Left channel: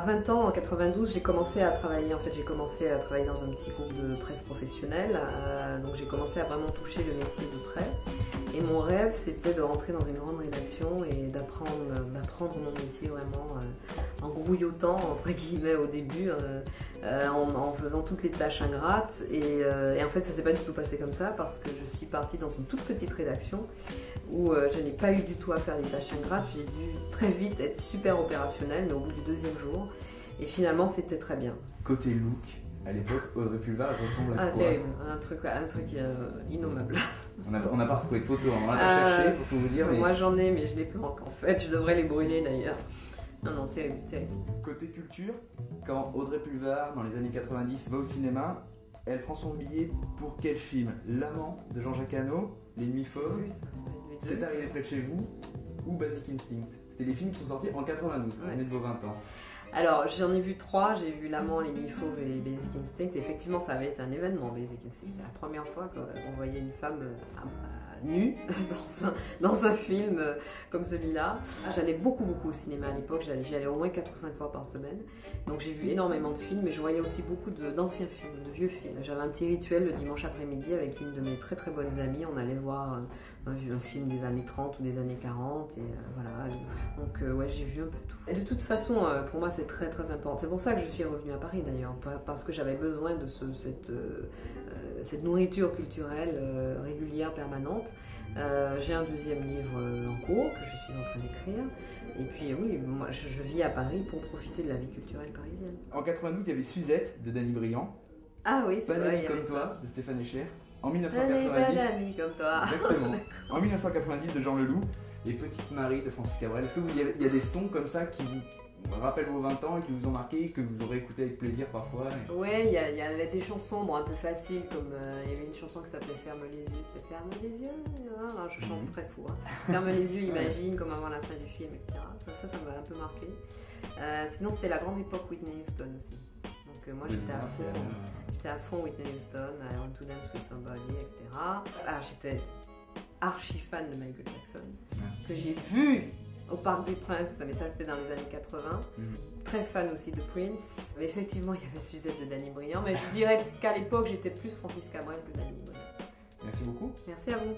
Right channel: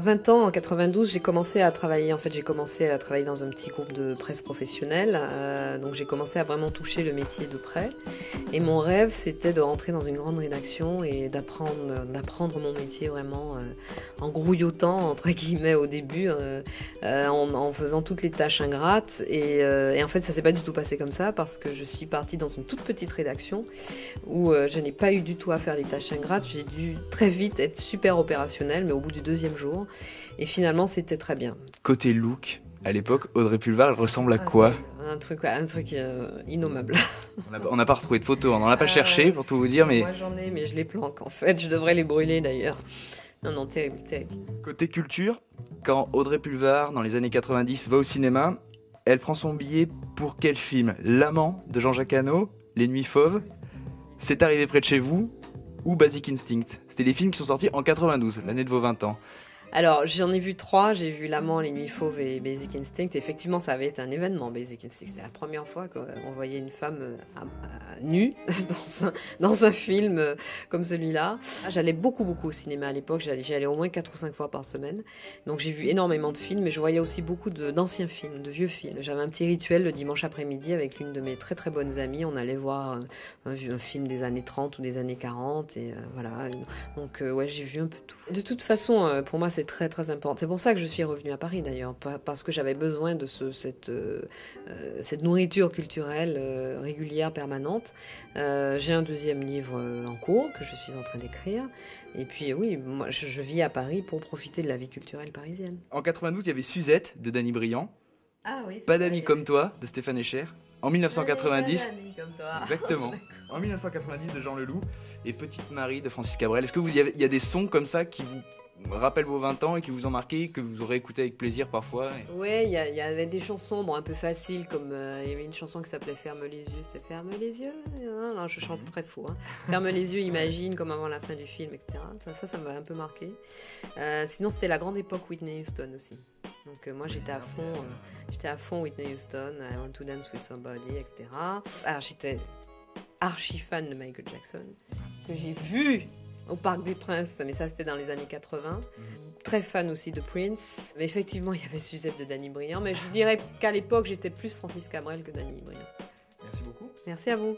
À 20 ans, en 92, j'ai commencé à travailler. En fait, j'ai commencé à travailler dans un petit groupe de presse professionnelle. Donc j'ai commencé à vraiment toucher le métier de près. Et mon rêve, c'était de rentrer dans une grande rédaction et d'apprendre mon métier vraiment en grouillotant, entre guillemets, au début, en faisant toutes les tâches ingrates. Et en fait, ça s'est pas du tout passé comme ça parce que je suis partie dans une toute petite rédaction où je n'ai pas eu du tout à faire des tâches ingrates. J'ai dû très vite être super opérationnelle, mais au bout du deuxième jour. Et finalement, c'était très bien. Côté look, à l'époque, Audrey Pulvar, elle ressemble à quoi? Un truc innommable. On n'a pas retrouvé de photos, on n'en a pas cherché pour tout vous dire, mais... Moi j'en ai, mais je les planque en fait. Je devrais les brûler d'ailleurs. Non, terrible, terrible. Côté culture, quand Audrey Pulvar, dans les années 90, va au cinéma, elle prend son billet pour quel film? L'Amant de Jean-Jacques Hano, Les Nuits Fauves, C'est arrivé près de chez vous ou Basic Instinct? C'était les films qui sont sortis en 92, l'année de vos 20 ans. Alors, j'en ai vu 3, j'ai vu L'Amant, Les Nuits Fauves et Basic Instinct. Effectivement, ça avait été un événement, Basic Instinct. C'était la première fois qu'on voyait une femme nue dans un film comme celui-là. J'allais beaucoup au cinéma à l'époque, j'y allais au moins 4 ou 5 fois par semaine. Donc j'ai vu énormément de films, mais je voyais aussi beaucoup d'anciens films, de vieux films. J'avais un petit rituel le dimanche après-midi avec une de mes très très bonnes amies. On allait voir un film des années 30 ou des années 40, et voilà. Donc ouais, j'ai vu un peu tout. De toute façon, pour moi, c'est très très important. C'est pour ça que je suis revenue à Paris d'ailleurs, parce que j'avais besoin de cette nourriture culturelle régulière, permanente. J'ai un deuxième livre en cours que je suis en train d'écrire. Et puis oui, moi je vis à Paris pour profiter de la vie culturelle parisienne. En 92, il y avait Suzette de Danny Briand. Ah oui, Pas d'amis comme toi de Stéphane Echer. En 1990. Pas d'amis comme toi. Exactement. En 1990 de Jean Leloup et Petite Marie de Francis Cabrel. Est-ce que il y a des sons comme ça qui vous rappellent vos 20 ans et qui vous ont marqué, que vous aurez écouté avec plaisir parfois? Oui, il y avait des chansons un peu faciles, comme il y avait une chanson qui s'appelait Ferme les yeux. C'était Ferme les yeux. Non, je chante très fou. Hein. Ferme les yeux, imagine, comme avant la fin du film, etc. Ça m'a un peu marqué. Sinon, c'était la grande époque Whitney Houston aussi. Donc moi j'étais à fond Whitney Houston, I Want to Dance with Somebody, etc. Alors j'étais archi fan de Michael Jackson, que j'ai vu au Parc des Princes, mais ça c'était dans les années 80. Très fan aussi de Prince. Mais effectivement, il y avait Suzette de Danny Briand, mais je dirais qu'à l'époque, j'étais plus Francis Cabrel que Danny Briand. Merci beaucoup. Merci à vous.